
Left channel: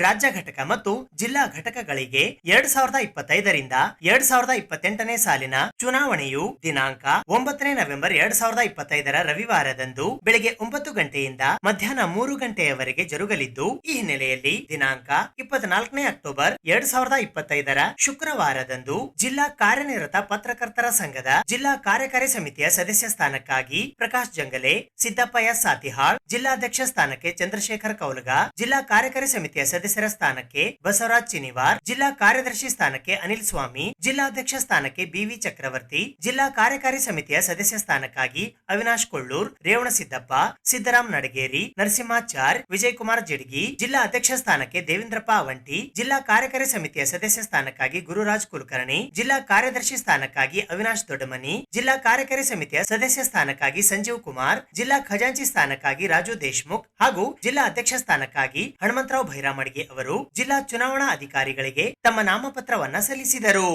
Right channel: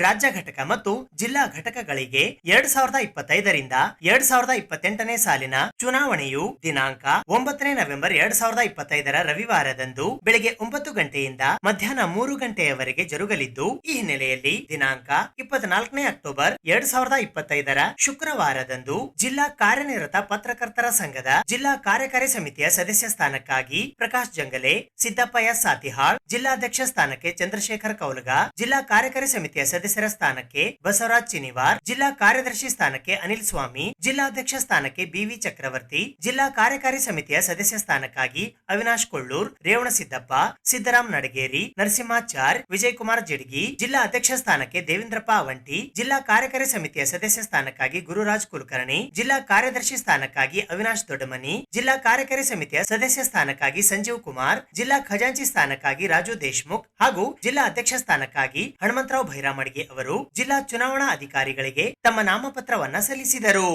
ರಾಜ್ಯ ಘಟಕ ಮತ್ತು ಜಿಲ್ಲಾ ಘಟಕಗಳಿಗೆ 2025ರಿಂದ 2028ನೇ ಸಾಲಿನ ಚುನಾವಣೆಯು ದಿನಾಂಕ 9 ನವೆಂಬರ್ 2025ರ ರವಿವಾರದಂದು ಬೆಳಗ್ಗೆ 9 ಗಂಟೆಯಿಂದ ಮಧ್ಯಾಹ್ನ 3 ಗಂಟೆಯವರೆಗೆ ಜರುಗಲಿದ್ದು, ಈ ಹಿನ್ನೆಲೆಯಲ್ಲಿ ದಿನಾಂಕ 24 ಅಕ್ಟೋಬರ್ 2025ರ ಶುಕ್ರವಾರದಂದು ಜಿಲ್ಲಾ ಕಾರ್ಯನಿರತ ಪತ್ರಕರ್ತರ ಸಂಘದ ಜಿಲ್ಲಾ ಕಾರ್ಯಕಾರಿ ಸಮಿತಿಯ ಸದಸ್ಯ ಸ್ಥಾನಕ್ಕಾಗಿ ಪ್ರಕಾಶ್ ಜಂಗಲೆ, ಸಿದ್ದಪ್ಪ ಎಸ್ ಸಾತಿಹಾಳ್, ಜಿಲ್ಲಾಧ್ಯಕ್ಷ ಸ್ಥಾನಕ್ಕೆ ಚಂದ್ರಶೇಖರ್ ಕೌಲಗ, ಜಿಲ್ಲಾ ಕಾರ್ಯಕಾರಿ ಸಮಿತಿಯ ಸದಸ್ಯರ ಸ್ಥಾನಕ್ಕೆ ಬಸವರಾಜ್ ಚಿನಿವಾರ್, ಜಿಲ್ಲಾ ಕಾರ್ಯದರ್ಶಿ ಸ್ಥಾನಕ್ಕೆ ಅನಿಲ್ ಸ್ವಾಮಿ, ಜಿಲ್ಲಾಧ್ಯಕ್ಷ ಸ್ಥಾನಕ್ಕೆ BV ಚಕ್ರವರ್ತಿ, ಜಿಲ್ಲಾ ಕಾರ್ಯಕಾರಿ ಸಮಿತಿಯ ಸದಸ್ಯ ಸ್ಥಾನಕ್ಕಾಗಿ ಅವಿನಾಶ್ ಕೊಳ್ಳೂರ್, ರೇವಣಸಿದ್ದಪ್ಪ, ಸಿದ್ದರಾಮ್ ನಡಗೇರಿ, ನರಸಿಂಹಾಚಾರ್, ವಿಜಯಕುಮಾರ್ ಜಿಡ್ಗಿ, ಜಿಲ್ಲಾ ಅಧ್ಯಕ್ಷ ಸ್ಥಾನಕ್ಕೆ ದೇವೇಂದ್ರಪ್ಪ ಅವಂಟಿ, ಜಿಲ್ಲಾ ಕಾರ್ಯಕಾರಿ ಸಮಿತಿಯ ಸದಸ್ಯ ಸ್ಥಾನಕ್ಕಾಗಿ ಗುರುರಾಜ್ ಕುಲಕರ್ಣಿ, ಜಿಲ್ಲಾ ಕಾರ್ಯದರ್ಶಿ ಸ್ಥಾನಕ್ಕಾಗಿ ಅವಿನಾಶ್ ದೊಡ್ಡಮನಿ, ಜಿಲ್ಲಾ ಕಾರ್ಯಕಾರಿ ಸಮಿತಿಯ ಸದಸ್ಯ ಸ್ಥಾನಕ್ಕಾಗಿ ಸಂಜೀವ್ ಕುಮಾರ್, ಜಿಲ್ಲಾ ಖಜಾಂಚಿ ಸ್ಥಾನಕ್ಕಾಗಿ ರಾಜು ದೇಶ್ಮುಖ್ ಹಾಗೂ ಜಿಲ್ಲಾ ಅಧ್ಯಕ್ಷ ಸ್ಥಾನಕ್ಕಾಗಿ ಹನುಮಂತರಾವ್ ಭೈರಾಮಡ್ಗಿ ಅವರು ಜಿಲ್ಲಾ ಚುನಾವಣಾ ಅಧಿಕಾರಿಗಳಿಗೆ ತಮ್ಮ ನಾಮಪತ್ರವನ್ನ ಸಲ್ಲಿಸಿದರು.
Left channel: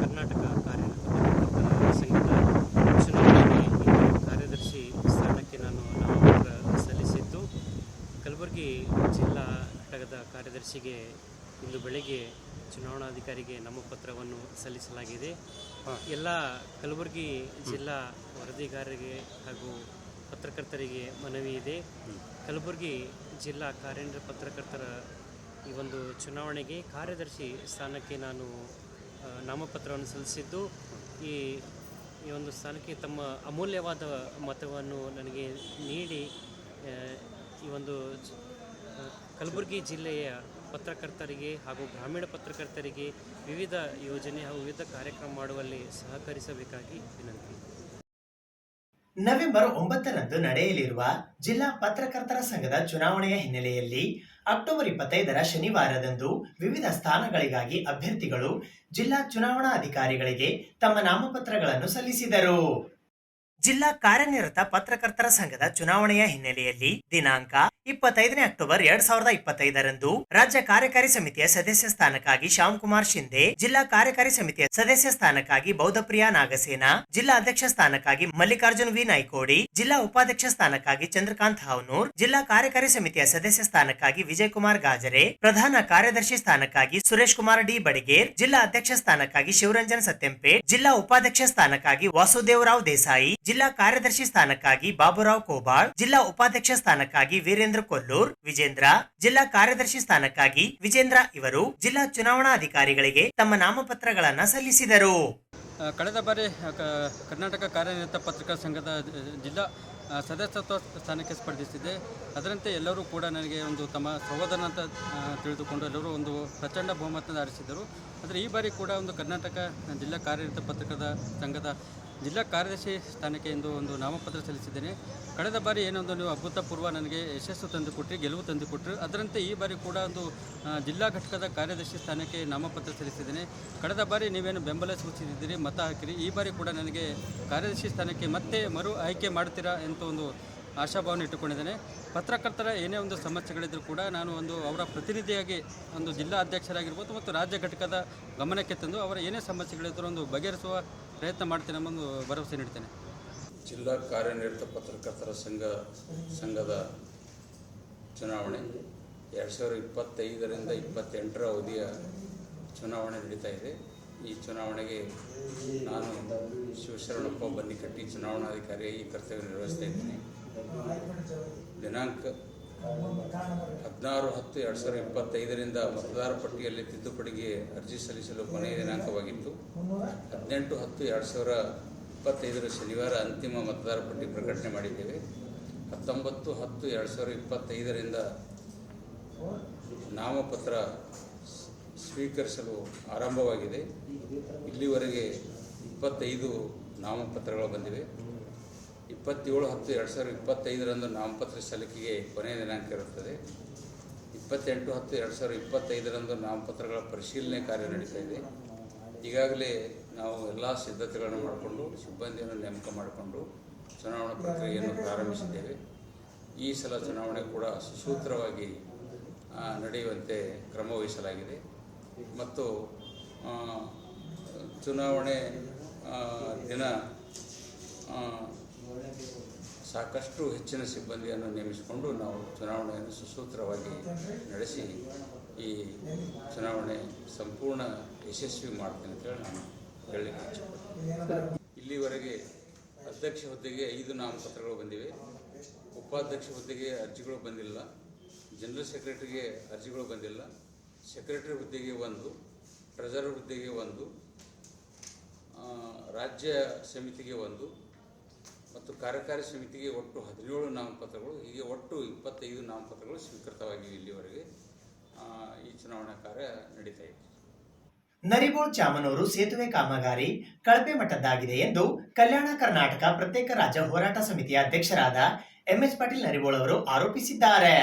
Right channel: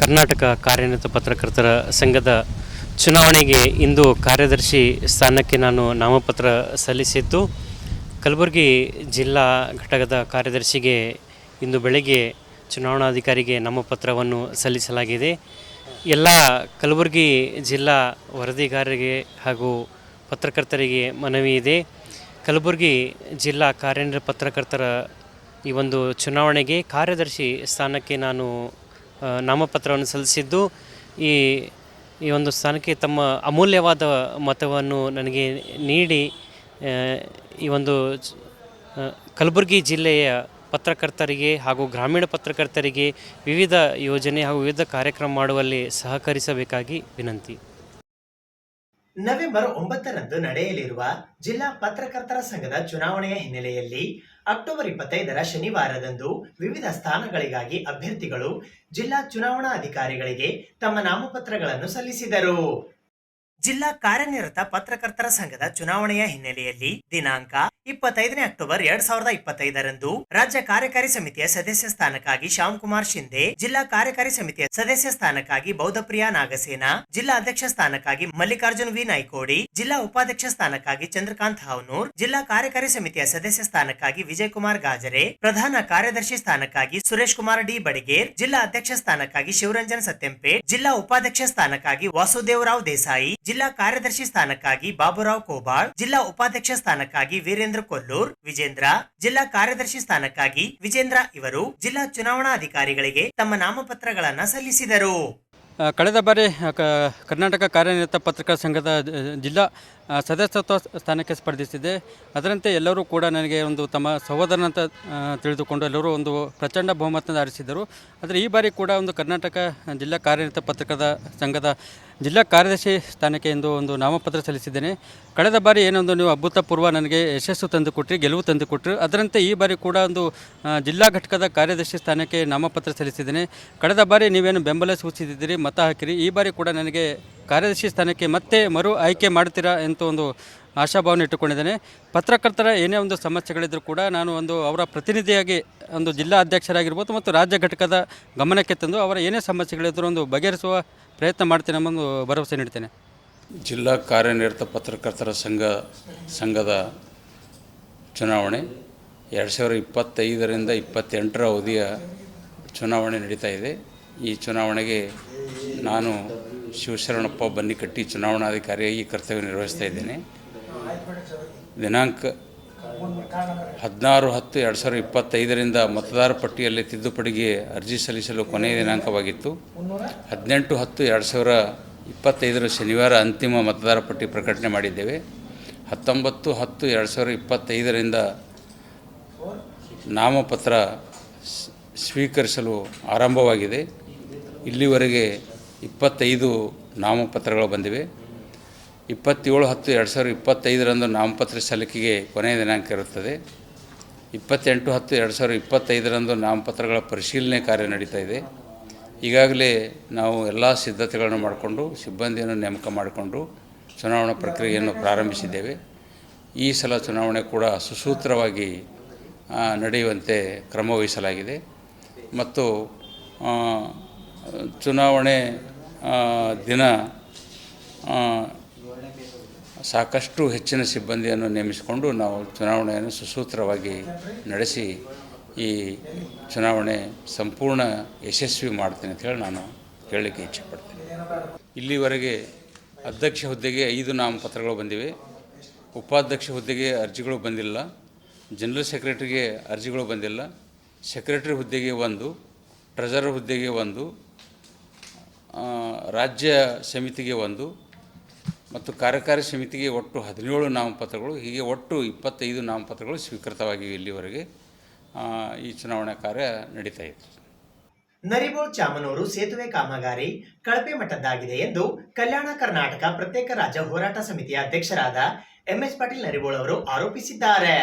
ಕರ್ನಾಟಕ ಕಾರ್ಯನಿರತ ಪತ್ರಕರ್ತರ ಸಂಘದ ಚುನಾವಣೆಗೆ ಇಂದು ಕಾರ್ಯದರ್ಶಿ ಸ್ಥಾನಕ್ಕೆ ನಾನು ನಾಮಪತ್ರ ಸಲ್ಲಿಸಿದ್ದು, ಕಲಬುರಗಿ ಜಿಲ್ಲಾ ಘಟಕದ ಕಾರ್ಯದರ್ಶಿಗೆ ಇಂದು ಬೆಳಗ್ಗೆ ಚುನಾವಣಾಧಿಕಾರಿಗೆ ನಾಮಪತ್ರವನ್ನು ಸಲ್ಲಿಸಲಾಗಿದೆ. ಎಲ್ಲ ಕಲಬುರಗಿ ಜಿಲ್ಲಾ ವರದಿಗಾರರಿಗೆ ಹಾಗೂ ಪತ್ರಕರ್ತರಿಗೆ ಮನವಿ ಇದೆ. ಕಲಬುರಗಿ ಜಿಲ್ಲಾ ಕಾರ್ಯನಿರತ ಪತ್ರಕರ್ತರ ಈ ಒಂದು ಚುನಾವಣೆಗೆ ಕಾರ್ಯದರ್ಶಿ ಸ್ಥಾನಕ್ಕೆ ನಾನು ನಾಮಪತ್ರವನ್ನು ಸಲ್ಲಿಸಿದ್ದು, ಈ ಒಂದು ಸ್ಥಾನಕ್ಕೆ ತಮ್ಮ ಅಮೂಲ್ಯವಾದ ಮತವನ್ನು ನನಗೆ ನೀಡಿ ಈ ಒಂದು ಕಲಬುರಗಿ ಜಿಲ್ಲೆಯ ಪತ್ರಕರ್ತರಿಗೆ ಹಾಗೂ ಗ್ರಾಮೀಣ ಪತ್ರಕರ್ತರಿಗೆ ವಿವಿಧ ಯೋಜನೆ ಹಾಗೂ ವಿವಿಧ ಕಾರ್ಯಕ್ರಮ ಮಾಡುವಲ್ಲಿ ಸಹಕರಿಸಬೇಕಾಗಿ ವಿನಂತಿ. ನವೆಂಬರ್ 9ರಂದು ನಡೆಯಲಿರುವ ಜಿಲ್ಲಾ ಪತ್ರಕರ್ತರ ಸಂಘದ ಚುನಾವಣೆಯ ಹಿನ್ನೆಲೆಯಲ್ಲಿ ಅಕ್ಟೋಬರ್ 25ರ ಶನಿವಾರದಂದು ವಿವಿಧ ಸ್ಥಾನಗಳಿಗಾಗಿ ಅಭ್ಯರ್ಥಿಗಳು ಜಿಲ್ಲಾ ಚುನಾವಣಾ ಅಧಿಕಾರಿಗಳಿಗೆ ತಮ್ಮ ನಾಮಪತ್ರಗಳನ್ನು ಸಲ್ಲಿಸಿದರು. ಜಿಲ್ಲಾ ಕಾರ್ಯನಿರತ ಪತ್ರಕರ್ತರ ಸಂಘದ ಚುನಾವಣೆಯ ಹಿನ್ನೆಲೆಯಲ್ಲಿ ದಿನಾಂಕ 25 ಅಕ್ಟೋಬರ್ 2025ರಂದು ರಾಜ್ಯ ಕಾರ್ಯಕಾರಿ ಸಮಿತಿಯ ಸದಸ್ಯ ಸ್ಥಾನಕ್ಕಾಗಿ ಶ್ಯಾಮಕುಮಾರ್ ಶಿಂದೆ, ಜಿಲ್ಲಾ ಕಾರ್ಯಕಾರಿ ಸಮಿತಿಯ ಸದಸ್ಯ ಸ್ಥಾನಕ್ಕಾಗಿ ಬೌದ್ಧಪ್ರಿಯಾ ನಾಗಸೇನ, ಜಿಲ್ಲಾ ಅಧ್ಯಕ್ಷ ಸ್ಥಾನಕ್ಕಾಗಿ ಮಲ್ಲಿಕಾರ್ಜುನ್ ವಿ ನಾಯ್ಕೋಡಿ, ಜಿಲ್ಲಾ ಉಪಾಧ್ಯಕ್ಷ ಸ್ಥಾನಕ್ಕಾಗಿ ಚಂದ್ರಕಾಂತ್ ಹಾವನೂರ್, ಜಿಲ್ಲಾ ಕಾರ್ಯಕಾರಿ ಸಮಿತಿಯ ಸದಸ್ಯ ಸ್ಥಾನಕ್ಕಾಗಿ ವಿಜಯಕುಮಾರ್ ಗಾಜರೆ, ಪ್ರಧಾನ ಕಾರ್ಯದರ್ಶಿ ಸ್ಥಾನಕ್ಕಾಗಿ ಸುರೇಶ್ ಕುಮಾರ್ ಡಿ ಬಡಿಗೇರ್, ಜಿಲ್ಲಾ ಅಧ್ಯಕ್ಷ ಸ್ಥಾನಕ್ಕಾಗಿ ಶಿವರಂಜನ್ ಸತ್ಯಂಪೇಟ್, ಜಿಲ್ಲಾ ಉಪಾಧ್ಯಕ್ಷ ಸ್ಥಾನಕ್ಕಾಗಿ ವಾಸುದೇವರಾವ್ ದೇಸಾಯಿ, ಜಿಲ್ಲಾ ಕಾರ್ಯದರ್ಶಿ ಸ್ಥಾನಕ್ಕಾಗಿ ಬಾಬುರಾವ್ ಕೋಬಾಳ್, ಜಿಲ್ಲಾ ಉಪಾಧ್ಯಕ್ಷ ಸ್ಥಾನಕ್ಕಾಗಿ ವೀರೇಂದ್ರ ಕೊಲ್ಲೂರ್, ವಿಜೇಂದ್ರ, ಜಿಲ್ಲಾ ಕಾರ್ಯದರ್ಶಿ ಸ್ಥಾನಕ್ಕಾಗಿ ವಿಜೇಂದ್ರ ಇವರು ಜಿಲ್ಲಾ ಚುನಾವಣಾ ಅಧಿಕಾರಿಗಳಿಗೆ ತಮ್ಮ ನಾಮಪತ್ರಗಳನ್ನು ಸಲ್ಲಿಸಿದರು. ಕಳೆದ ಬಾರಿ ಕರ್ನಾಟಕ ಕಾರ್ಯನಿರತ ಪತ್ರಕರ್ತರ ಸಂಘದ ಜಿಲ್ಲಾ ಸದಸ್ಯತ್ವ ಸ್ಥಾನಕ್ಕೆ ಸ್ಪರ್ಧಿಸಿದೆ. ಅದರಂತೆ ಎಲ್ಲರೂ ಕೂಡ ನನಗೆ ಒಂದು ತಮ್ಮ ಸಹೋದರನಂತ ತಿಳಿದುಕೊಂಡು ಎಲ್ಲರೂ ಒಂದು ಪ್ರಚಂಡ ಬಹುಮತದಿಂದ ಆರಿಸಿದರು. ಆದರೆ ಈ ಬಾರಿ ಕೂಡ ಒಂದು ಕರ್ನಾಟಕ ಜಿಲ್ಲಾ ಕಾರ್ಯನಿರತ ಪತ್ರಕರ್ತರ ಸಂಘದ ಜಿಲ್ಲಾ ಕಾರ್ಯದರ್ಶಿ ಸ್ಥಾನಕ್ಕೆ ಎಂದು ಒಂದು ನಾಮಪತ್ರ ಸಲ್ಲಿಸಿದ್ದೇನೆ. ಕಳೆದ ಬಾರಿ ಏನೊಂದು ನೀವು ಅಭೂತಪೂರ್ವ ನನಗೆ ಯಶಸ್ಸು ತಂದುಕೊಟ್ರಿ, ಗೆಲುವು ತಂದುಕೊಟ್ರಿ. ಅದರಂತೆ ಈ ಬಾರಿ ಕೂಡ ಒಂದು ಜಿಲ್ಲಾ ಘಟಕದ ಕಾರ್ಯದರ್ಶಿ ಸ್ಥಾನಕ್ಕೆ ನಾಮಪತ್ರ ಸಲ್ಲಿಸಿದ್ದೇನೆ. ಕಳೆದ ಬಾರಿ ನೀವೇನು ಬೆಂಬಲ ಸೂಚಿಸಿದ್ದೀರಿ, ಮತ ಹಾಕಿರಿ. ಈ ಬಾರಿ ಕೂಡ ನನಗೆ ಕಾರ್ಯದರ್ಶಿ ಸ್ಥಾನಕ್ಕೆ ಮತ್ತೆ ಮರು ಆಯ್ಕೆ ಮಾಡ್ತೀರಾ ಅಂತ ಒಂದು ಆಶಾಭಾವನೆ ಇಟ್ಟುಕೊಂಡಿದ್ದೇನೆ. ಪತ್ರಕರ್ತರ ಏನೇ ಒಂದು ಸಮಸ್ಯೆಗಳಿದ್ದರೂ ಕೂಡ ನಾನು ಒಂದು ಅವರ ಪ್ರತಿನಿಧಿಯಾಗಿ ಒಂದು ಜಿಲ್ಲಾ ಅಧ್ಯಕ್ಷರಾಗಿರ್ಬೋದು ಮತ್ತು ರಾಜ್ಯ ಘಟಕದ ಗಮನಕ್ಕೆ ತಂದು ಅವರ ಏನೇ ಸಮಸ್ಯೆಗಳಿದ್ದರೂ ಒಂದು ಬಗೆಹರಿಸುವ ಪ್ರಯತ್ನ ಮಾಡ್ತೇನೆ ಎಂಬ ಒಂದು ಭರವಸೆ ನೀಡ್ತೇನೆ. ಜಿಲ್ಲಾ ಕಾರ್ಯನಿರತ ಪತ್ರಕರ್ತರ ಸಂಘದ ಚುನಾವಣೆ 2025ರಿಂದ 28ರ ಅವಧಿಯ ಚುನಾವಣೆ ನಡೀತಾ ಇದೆ. ಈ ಚುನಾವಣೆಗೆ ನಾನು ಶಿವಶರಣಪ್ಪ ಬನ್ನಿಕಟ್ಟಿ ಚುನಾವಣಾಧಿಕಾರಿಯಾಗಿ ಕರ್ತವ್ಯ ನಿರ್ವಹಿಸ್ತಾ ಇದ್ದೇನೆ. ದಿನಾಂಕ 16/10/2025ರಿಂದ ಮತದಾರ ಪಟ್ಟಿಯಲ್ಲಿ ತಿದ್ದುಪಡಿಗೆ ಅರ್ಜಿ ಸಲ್ಲಿಸಲು ಕೊನೆಯ ದಿನಾಂಕವಾಗಿತ್ತು. 18/10/2025 ಶನಿವಾರ ಅಂತಿಮ ಮತದಾರ ಪಟ್ಟಿ ಪ್ರಕಟಣೆ ಮಾಡಿದ್ದೇವೆ. 19/10/2025ರಿಂದ ನಾಮಪತ್ರ ಸ್ವೀಕರಿಸಲು ಆರಂಭವಾಗಿದೆ. ಇಲ್ಲಿವರೆಗೆ 25 ನಾಮಪತ್ರಗಳು ಬಂದಿವೆ. 27/10/2025ರಂದು ನಾಮಪತ್ರ ಸಲ್ಲಿಕೆಗೆ ಕೊನೆಯ ದಿನಾಂಕ ಇರುತ್ತದೆ. 28/10/2025ರಂದು ನಾಮಪತ್ರಗಳ ಪರಿಶೀಲನೆ ಕಾರ್ಯ ನಡೀತಾ ಇದೆ. ಈಗಾಗಲೇ ನಾವು ಎಲ್ಲ ಸಿದ್ಧತೆಗಳನ್ನು ಮಾಡಿಕೊಂಡು ಸಿಬ್ಬಂದಿಯನ್ನು ನೇಮಕ ಮಾಡಿಕೊಂಡು ಚುನಾವಣಾ ಪ್ರಕ್ರಿಯೆಯನ್ನು ಪ್ರಾರಂಭಿಸಿದ್ದೇವೆ. ಈ ಸಲ ಚುನಾವಣೆ ಕೂಡ ಸುಸೂತ್ರವಾಗಿ ನಡೆಯುವಂತೆ ಕ್ರಮ ವಹಿಸಲಾಗಿದೆ ಮತ್ತು ಚುನಾವಣೆ ದಿನ ಸಾಕಷ್ಟು ಹೆಚ್ಚಿನ ಸಿಬ್ಬಂದಿಯನ್ನು ನೇಮಿಸಿಕೊಂಡು ನಾವು ಚುನಾವಣೆಯನ್ನು ಸುಸೂತ್ರವಾಗಿ ನಡೆಸಿ ಈ ಚುನಾವಣೆ ಸಂಪೂರ್ಣ ಯಶಸ್ವಿ ಮಾಡ್ತೀನಿ ಅಂತ ಹೇಳಿ ನಾನು ಹೇಳಲಿಕ್ಕೆ ಇಚ್ಛೆಪಡ್ತೇನೆ. ಇಲ್ಲಿವರೆಗೆ ಅಧ್ಯಕ್ಷ ಹುದ್ದೆಗೆ 5 ನಾಮಪತ್ರಗಳು ಬಂದಿವೆ. ಉಪಾಧ್ಯಕ್ಷ ಹುದ್ದೆಗೆ ಅರ್ಜಿಗಳು ಬಂದಿಲ್ಲ. ಜನರಲ್ ಸೆಕ್ರೆಟರಿಗೆ ಅರ್ಜಿಗಳು ಬಂದಿಲ್ಲ. ಸೆಕ್ರೆಟರಿ ಹುದ್ದೆಗೆ 1, ಟ್ರೆಜರರ್ ಹುದ್ದೆಗೆ 1, ರಾಜ್ಯ ಸಮಿತಿಗೆ 1 ಮತ್ತು ಕಾರ್ಯಕಾರಿ ಸಮಿತಿಗೆ ಒಟ್ಟು 17 ನಾಮಪತ್ರಗಳು, ಹೀಗೆ ಒಟ್ಟು 25 ನಾಮಪತ್ರಗಳು ಸ್ವೀಕೃತವಾಗಿವೆ. ಇಲ್ಲಿವರೆಗೆ ಈ ಚುನಾವಣಾ ಕಾರ್ಯ ನಡೀತಾ ಇದೆ. ನರಿಬೋಳ್ ಚಾಮನೂರು ಸೇತುವೆ ಕಾಮಗಾರಿ ಕಳಪೆ ಮಟ್ಟದ್ದಾಗಿದೆ ಎಂದು ಕಲ್ಯಾಣ ಕರ್ನಾಟಕ ಪ್ರತ್ಯೇಕ ರಾಜ್ಯ ಹೋರಾಟ ಸಮಿತಿಯ ಅಧ್ಯಕ್ಷರಾದ MS ಪಾಟೀಲ್ ನರಿಬೋಳ್ ಅವರು ಆರೋಪಿಸಿದ್ದಾರೆ.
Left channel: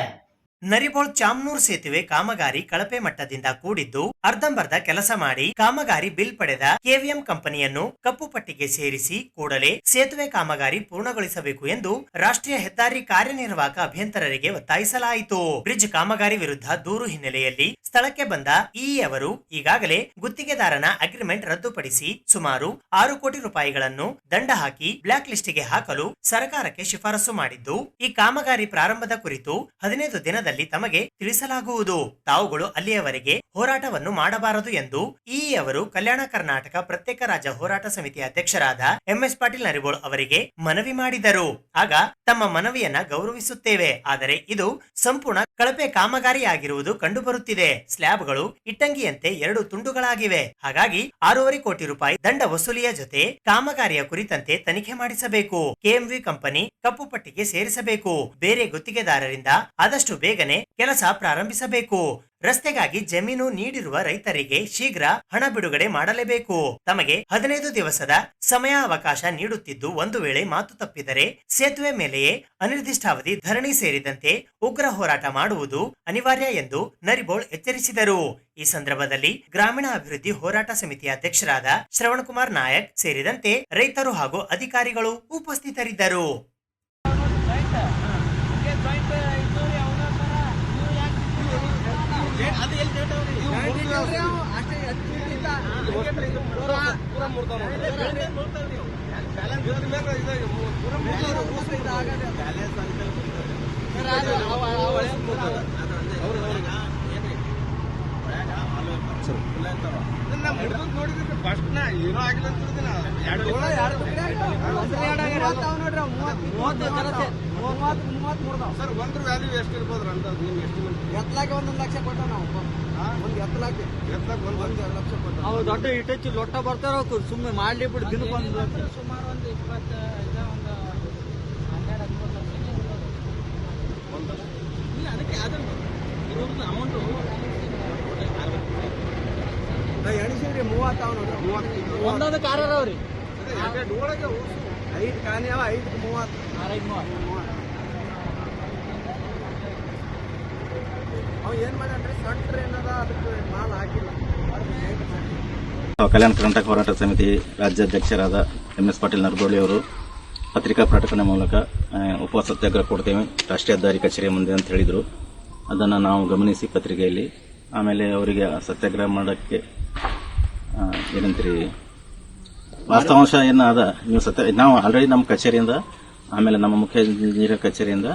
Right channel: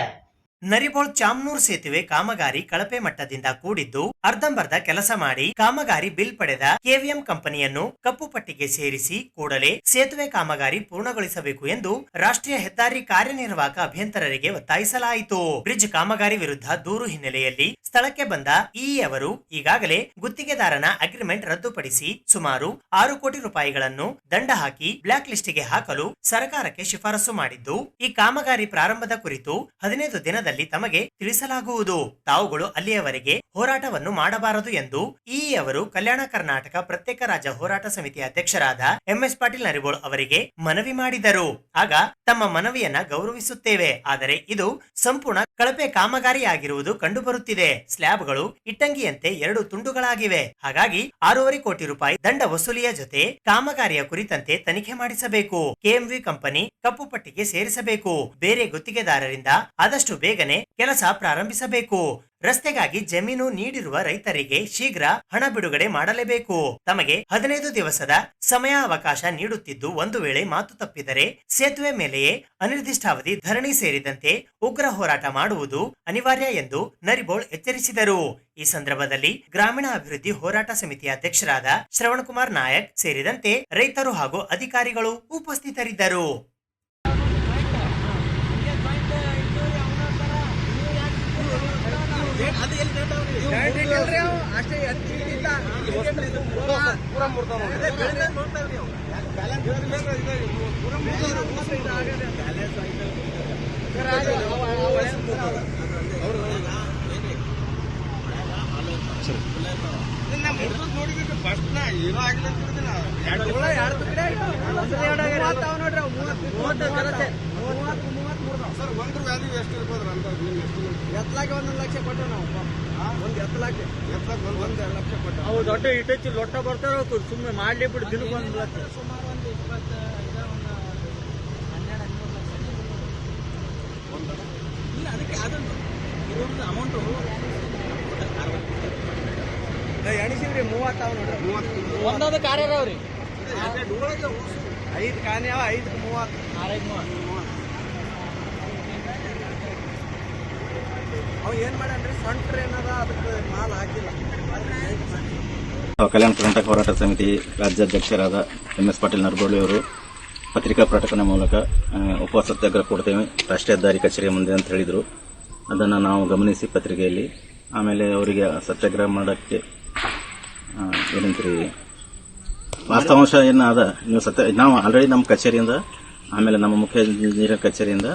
ನರಿಬೋಳ್ ಚಾಮನೂರು ಸೇತುವೆ ಕಾಮಗಾರಿ ಕಳಪೆ ಮಟ್ಟದಿಂದ ಕೂಡಿದ್ದು ಅರ್ಧಂಬರ್ಧ ಕೆಲಸ ಮಾಡಿ ಕಾಮಗಾರಿ ಬಿಲ್ ಪಡೆದ KVM ಕಂಪನಿಯನ್ನು ಕಪ್ಪು ಪಟ್ಟಿಗೆ ಸೇರಿಸಿ ಕೂಡಲೇ ಸೇತುವೆ ಕಾಮಗಾರಿ ಪೂರ್ಣಗೊಳಿಸಬೇಕು ಎಂದು ರಾಷ್ಟ್ರೀಯ ಹೆದ್ದಾರಿ ಕಾರ್ಯನಿರ್ವಾಹಕ ಅಭಿಯಂತರರಿಗೆ ಒತ್ತಾಯಿಸಲಾಯಿತು. ಬ್ರಿಡ್ಜ್ ಕಾಮಗಾರಿ ವಿರುದ್ಧ ದೂರು ಹಿನ್ನೆಲೆಯಲ್ಲಿ ಸ್ಥಳಕ್ಕೆ ಬಂದ ಇಇ ಅವರು ಈಗಾಗಲೇ ಗುತ್ತಿಗೆದಾರನ ಅಗ್ರಿಮೆಂಟ್ ರದ್ದುಪಡಿಸಿ ಸುಮಾರು 6 ಕೋಟಿ ರೂಪಾಯಿಗಳನ್ನು ದಂಡ ಹಾಕಿ ಬ್ಲಾಕ್ ಲಿಸ್ಟ್ಗೆ ಹಾಕಲು ಸರ್ಕಾರಕ್ಕೆ ಶಿಫಾರಸು ಮಾಡಿದ್ದು, ಈ ಕಾಮಗಾರಿ ಪ್ರಾರಂಭದ ಕುರಿತು 15 ದಿನದಲ್ಲಿ ತಮಗೆ ತಿಳಿಸಲಾಗುವುದು. ತಾವುಗಳು ಅಲ್ಲಿಯವರೆಗೆ ಹೋರಾಟವನ್ನು ಮಾಡಬಾರದು ಎಂದು ಇಇ ಅವರು ಕಲ್ಯಾಣ ಕರ್ನಾಟಕ ಪ್ರತ್ಯೇಕ ರಾಜ್ಯ ಹೋರಾಟ ಸಮಿತಿಯ ಅಧ್ಯಕ್ಷರಾದ MS ಪಾಟೀಲ್ ನರಿಬೋಳ್ ಅವರಿಗೆ ಮನವಿ ಮಾಡಿದರು. ಆಗ ತಮ್ಮ ಮನವಿಯನ್ನ ಗೌರವಿಸುತ್ತೇವೆ, ಆದರೆ ಇದು ಸಂಪೂರ್ಣ ಕಳಪೆ ಕಾಮಗಾರಿಯಾಗಿರುವುದು ಕಂಡುಬರುತ್ತಿದೆ. ಸ್ಲ್ಯಾಬ್ಗಳು ಇಟ್ಟಂಗಿಯಂತೆ 2 ತುಂಡುಗಳಾಗಿವೆ. ಹಾಗಾಗಿ 6.5 ಕೋಟಿ ರೂಪಾಯಿ ದಂಡ ವಸೂಲಿಯ ಜೊತೆ ಕಾಮಗಾರಿಯ ಕುರಿತಂತೆ ತನಿಖೆ ಮಾಡಿಸಬೇಕು. KMV ಕಂಪನಿ ಕಪ್ಪು ಪಟ್ಟಿಗೆ ಸೇರಿಸಬೇಕು. ಬೇರೆ ಗುತ್ತಿಗೆದಾರರಿಂದ ಆದಷ್ಟು ಬೇಗನೆ ಕೆಲಸ ಪ್ರಾರಂಭಿಸಬೇಕು. ರಸ್ತೆಗಾಗಿ ಜಮೀನು ನೀಡಿರುವ ರೈತರಿಗೆ ಶೀಘ್ರ ಹಣ ಬಿಡುಗಡೆ ಮಾಡಲೇಬೇಕು. ತಮಗೆ 15 ದಿವಸದ ಸಮಯಾವಕಾಶ ನೀಡುತ್ತಿದ್ದು, ಒಂದು ವೇಳೆ ಮಾತು ತಪ್ಪಿದರೆ ಸೇತುವೆ ಮೇಲೆಯೇ ಅನಿರ್ದಿಷ್ಟಾವಧಿ ಧರಣಿ ಸೇರಿದಂತೆ ಉಗ್ರ ಹೋರಾಟ ಮಾಡುವುದು ಅನಿವಾರ್ಯ ಎಂದು ನರಿಬೋಳ್ ಎಚ್ಚರಿಸಿದರು. ಈ ಸಂದರ್ಭದಲ್ಲಿ ಗ್ರಾಮೀಣ ಅಭಿವೃದ್ಧಿ ಹೋರಾಟ ಸಮಿತಿಯ ಅಧ್ಯಕ್ಷರಾದ ಶ್ರವಣಕುಮಾರ್ ನಾಯಕ್ ಸೇರಿದಂತೆ ರೈತರು ಹಾಗೂ ಅಧಿಕಾರಿಗಳು ಉಪಸ್ಥಿತರಿದ್ದರು. ಸರ್, ಒಂದ್ರ ವ್ಯಾಲ್ಯೂ ಎಷ್ಟು ಇರ್ಬೋದ್ರ ಅಂತ ಎತ್ತಲಾಗಿ 1 ಲಕ್ಷ ಕೊಟ್ಟ ನಾವು ಎತ್ತಲಾಗಿ 1 ಲಕ್ಷ ಕೊಟ್ಟ. ಅವು ದೊಡ್ಡ ಇಟ್ಟಚ್ಚಿ ಲೊಟ್ಟ ಬರ್ತಾರ, ಸುಮ್ಮನೆ ಮಾಡ್ಲಿ ಬಿಟ್ಟು ದಿನಕ್ಕೊಂದು ಸುಮಾರು ಒಂದು 25 ಒಂದು 12 ಇಲ್ಲ, ಅದಕ್ಕೆ ಅದನ್ನು ಇದೊಂದು ಅಮೌಂಟು ಎಣಿಸಿದ್ರಿ 30 ನೋಡ್ರಿ. 30 ಒಂದೊಂದು ಕಾರ್ ಅದಾವ್ರಿ. 5 ಕಾನಿ ಅವ, 5 30 ಕಲ್ಯಾಣ ಕರ್ನಾಟಕ ಹೋರಾಟ ಸಮಿತಿ ರಾಜ್ಯಾಧ್ಯಕ್ಷರಾದ MS ಪಾಟೀಲ್ ನರಬೋಳಿ ಅವರು ಪತ್ರಿಕಾ ಪ್ರಕಟಣೆ ಮೂಲಕ ಉಪವಾಸ ಸತ್ಯಾಗ್ರಹ ಕೊಡ್ತೇವೆ ರಾಷ್ಟ್ರೀಯ ಹೆದ್ದಾರಿ ಕಚೇರಿಯ ಮುಂದೆ ಅಂತ ಹೇಳಿದರು. ಅದನ್ನು ನಾವು ಗಮನಿಸಿ ಪತ್ರಿಕೆಯಲ್ಲಿ ಆಮೇಲೆ ಅವರಿಗೆ ಸತ್ಯಾಗ್ರಹ ಮಾಡೋಕ್ಕೆ ಏನಂತೀರಿ ವಾಸ್ತವಾಂಶ ಏನಾದ ನೀವು ನಾವು ಆಲ್ರೆಡಿ ನಮ್ಮ ಕಚೇರಿಯಿಂದ ಆಮೇಲೆ ನಮ್ಮ ಮುಖ್ಯ ಇಂಜಿನಿಯರ್ ಕಚೇರಿಯಿಂದ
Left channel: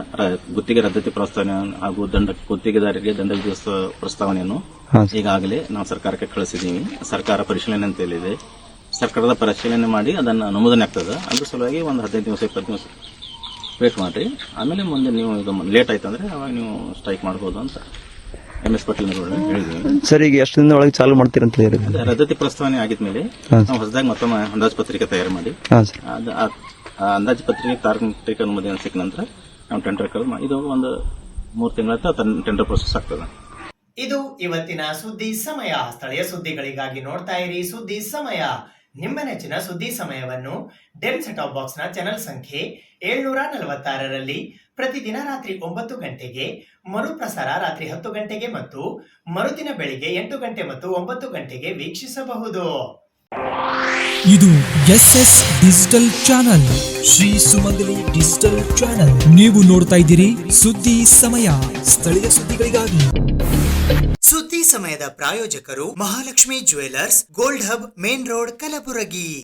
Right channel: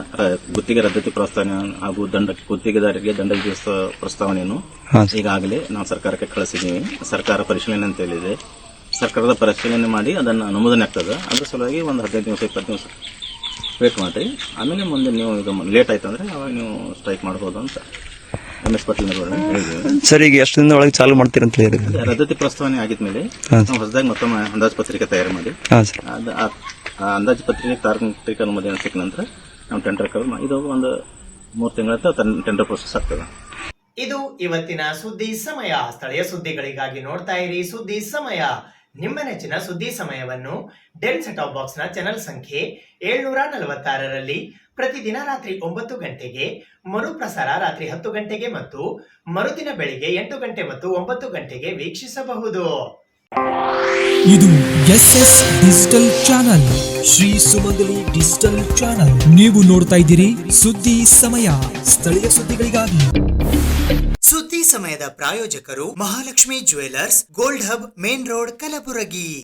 ಗುತ್ತಿಗೆ ರದ್ದತಿ ಪ್ರಸ್ತಾವನೆ ಹಾಗೂ ಗುತ್ತಿಗೆದಾರರಿಗೆ ದಂಡ ವಿಧಿಸುವ ಪ್ರಸ್ತಾವನೆಯನ್ನು ಈಗಾಗಲೇ ನಾವು ಸರ್ಕಾರಕ್ಕೆ ಕಳಿಸಿದ್ದೀವಿ. ಸರ್ಕಾರ ಪರಿಶೀಲನೆ ಅಂತ ಹೇಳಿದೆ. ಸರ್ಕಾರದ ಪರಿಶೀಲನೆ ಮಾಡಿ ಅದನ್ನು ಅನುಮೋದನೆ ಆಗ್ತದೆ. ಅದ್ರ ಸಲುವಾಗಿ ಒಂದು 15 ದಿವಸ 20 ದಿವಸ ವೇಟ್ ಮಾಡಿ, ಆಮೇಲೆ ಮುಂದೆ ನೀವು ಇದು ಲೇಟ್ ಆಯ್ತು ಅಂದ್ರೆ ಅವಾಗ ನೀವು ಸ್ಟ್ರೈಕ್ ಮಾಡಬಹುದು ಅಂತ MS ಪಾಟೀಲ್ ಹೇಳಿದ್ದೀವಿ. ಸರ್, ಈಗ ಎಷ್ಟು ದಿನದ ಒಳಗೆ ಚಾಲು ಮಾಡ್ತೀರಿ ಅಂತ ಹೇಳಿ ರದ್ದತಿ ಪ್ರಸ್ತಾವನೆ ಆಗಿದ್ಮೇಲೆ ನಾವು ಹೊಸದಾಗಿ ಮತ್ತೊಮ್ಮೆ ಅಂದಾಜು ಪತ್ರಿಕೆ ತಯಾರು ಮಾಡಿ ಅಂದಾಜು ಪತ್ರಿಕೆ ತಾಂತ್ರಿಕ ಅನುಮೋದನೆ ಸಿಕ್ಕ ನಂತರ ನಾವು ಟೆಂಡರ್ ಇದು ಒಂದು 3 ತಿಂಗಳ ಟೆಂಡರ್ ಪ್ರೊಸೆಸ್ ಆಗ್ತದೆ. ಇದು ಇವತ್ತಿನ ಸುದ್ದಿ ಸಮಯ. ಸ್ಥಳೀಯ ಸುದ್ದಿಗಳಿಗಾಗಿ ನೋಡ್ತಾ ಇರಿ ಸುದ್ದಿ ಸಮಯ. ನಿಮ್ಮ ನೆಚ್ಚಿನ ಸುದ್ದಿ ಸಮಯವನ್ನು ಡೆಲ್ ಸೆಟ್ ಆಫ್ ಬಾಕ್ಸ್ ನ ಚಾನೆಲ್ ಸಂಖ್ಯೆ 746ರಲ್ಲಿ ಪ್ರತಿದಿನ ರಾತ್ರಿ 9 ಗಂಟೆಗೆ, ಮರುಪ್ರಸಾರ ರಾತ್ರಿ 10 ಗಂಟೆಗೆ ಮತ್ತು ಮರುದಿನ ಬೆಳಿಗ್ಗೆ 8 ಗಂಟೆ ಮತ್ತು 9 ಗಂಟೆಗೆ ವೀಕ್ಷಿಸಬಹುದು. ಇದು SS ಡಿಜಿಟಲ್ ಚಾನಲ್, ಶ್ರೀ ಸುಮಂಗಲಿ ಡಿಜಿಟಲ್ ಚಾನಲ್. ನೀವು ನೋಡ್ತಾ ಇದ್ದೀರಿ ಸುದ್ದಿ ಸಮಯ, ಸ್ಥಳೀಯ ಸುದ್ದಿಗಳಿಗಾಗಿ. ಸುದ್ದಿ ಸಮಯದ ಪ್ರಾಯೋಜಕರು Mahalakshmi jewellers, gold hub, main road, Kalaburagi.